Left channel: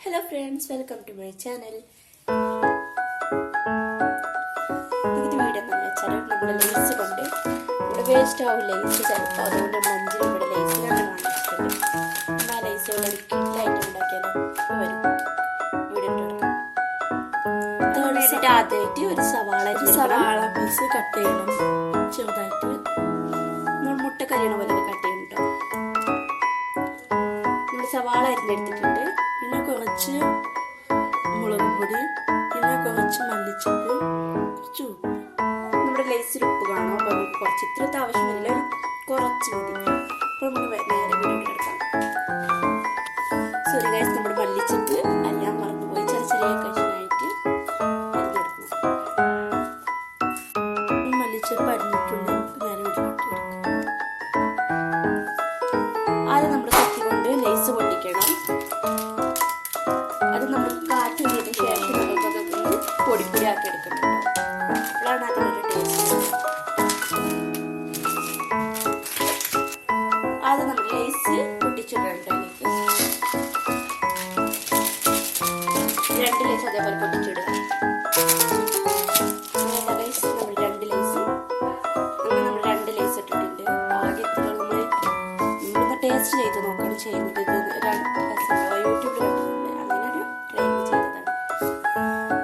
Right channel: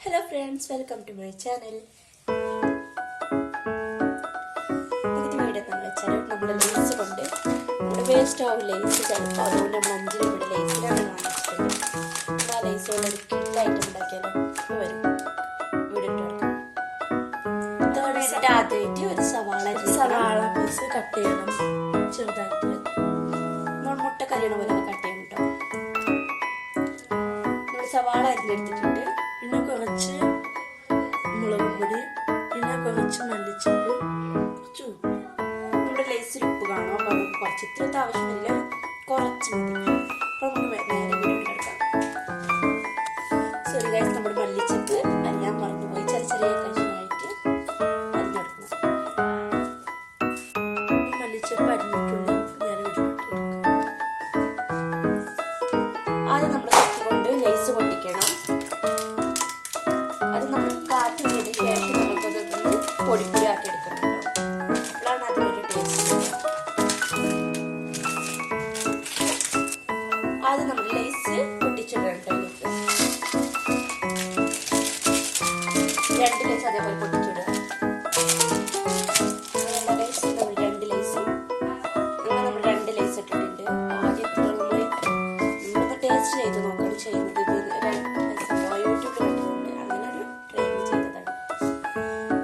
Hello friends welcome to my channel ഇത് video എന്ന് വെച്ചാൽ നമ്മൾ ലേസ് കൊണ്ട് നമ്മുടെ വേസ്റ്റ് ആവും ലേസ് ചിലപ്പോൾ അതുകൊണ്ട് നമ്മൾ അഞ്ച് രൂപയുടെ ലേസിലാണ് വാങ്ങിച്ചത് നമ്മൾ ആ ലേസ് കൊണ്ട് ഒരു കിറ്റായിട്ട് ഉണ്ടാക്കിയാലോ? വരും. വേണ്ടിയിട്ട് ആദ്യമായിട്ട് ഒരു സവാള സവാള പീസ് കട്ട് ചെയ്യണം. ചെറുതായിട്ട് നമ്മൾ മുട്ട കരിയണ പോലെ കട്ട് ചെയ്യണം കേട്ടോ നമ്മൾ സവാള അരിഞ്ഞെടുത്തിട്ടുണ്ട്. കുറച്ച് മുളക് പൊടി പിന്നെ കുറച്ച് മല്ലിച്ചപ്പ് കുറച്ച് ഉപ്പ്. നമ്മുടെ ലേസിൽ ഉപ്പ് കാണാം അപ്പോൾ നമുക്ക് കുറച്ച് ഇത്രത്തെ ആവശ്യമില്ല. കുറച്ച് മതി. അപ്പോൾ നമുക്ക് നേരെ വീട്ടിലെടുക്കാം സോറി ഗൈസ് നമ്മുടെ രണ്ട് ലേസ് അതേപോലെ പൊട്ടിച്ചിടുക. അങ്ങനെ നമ്മൾ രണ്ട് നമ്മൾ രണ്ട് ലേസ് ഇട്ടിട്ടുണ്ട്. ആദ്യത്തെ നമ്മൾ ഇവിടുന്ന് ടേസ്റ്റ് ചെയ്ത് നോക്കണം. ചെയ്യുന്നത് യൂട്യൂബിൽ കണ്ടിട്ടുണ്ട് അങ്ങനെ ഒരു ട്രൈ ചെയ്തതാണ്.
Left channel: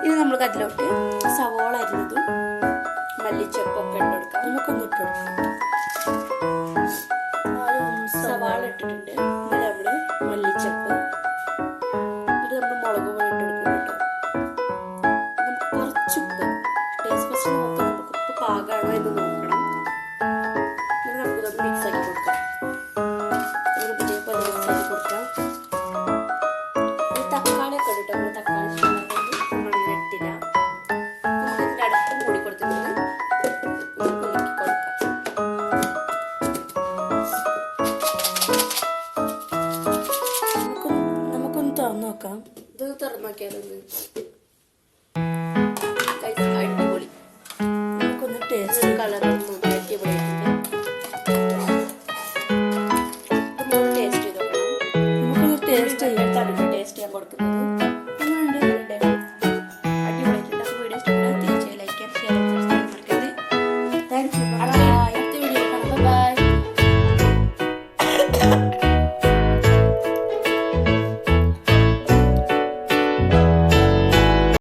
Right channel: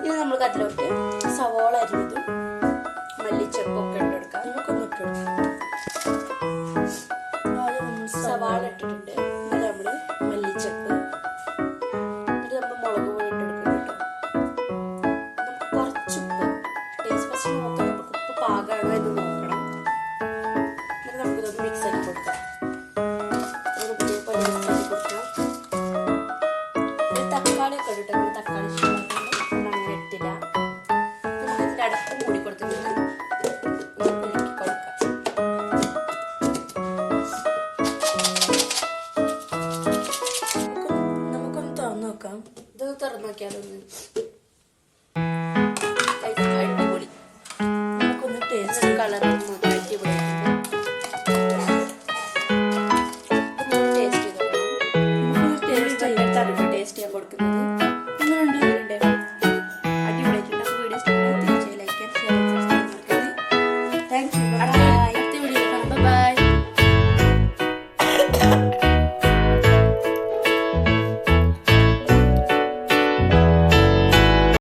ഇനി നമുക്ക് അതിലോട്ട് സവോള അരിഞ്ഞതും മല്ലിച്ചപ്പൊക്കെ ഇട്ട് കൊടുക്കാം. നമുക്കൊന്ന് ഇട്ട് ഫസ്റ്റ് നോക്കാം നമുക്ക് ഉപ്പ് പാകമാണോ നോക്കണം എന്നിട്ട് നമുക്കിതൊന്ന് മിക്സ് ആക്കി കൊടുക്കാം നമുക്ക് ഇതേപോലെ മിക്സ് ആക്കി കൊടുക്കാം ഒരു തക്കാളി ഒക്കെ ഇട്ടിട്ട് നമ്മൾ തക്കാളി ഇട്ടില്ല നമുക്ക് ഇതിന്റെ അടുത്ത് മൂടി കൊടുത്തിട്ട് കൊടുക്കാം നമുക്ക് നമുക്കൊന്ന് തുറന്നു നോക്കാം ഇത് തുറന്നു നോക്കിയാലൊന്ന് I don't know.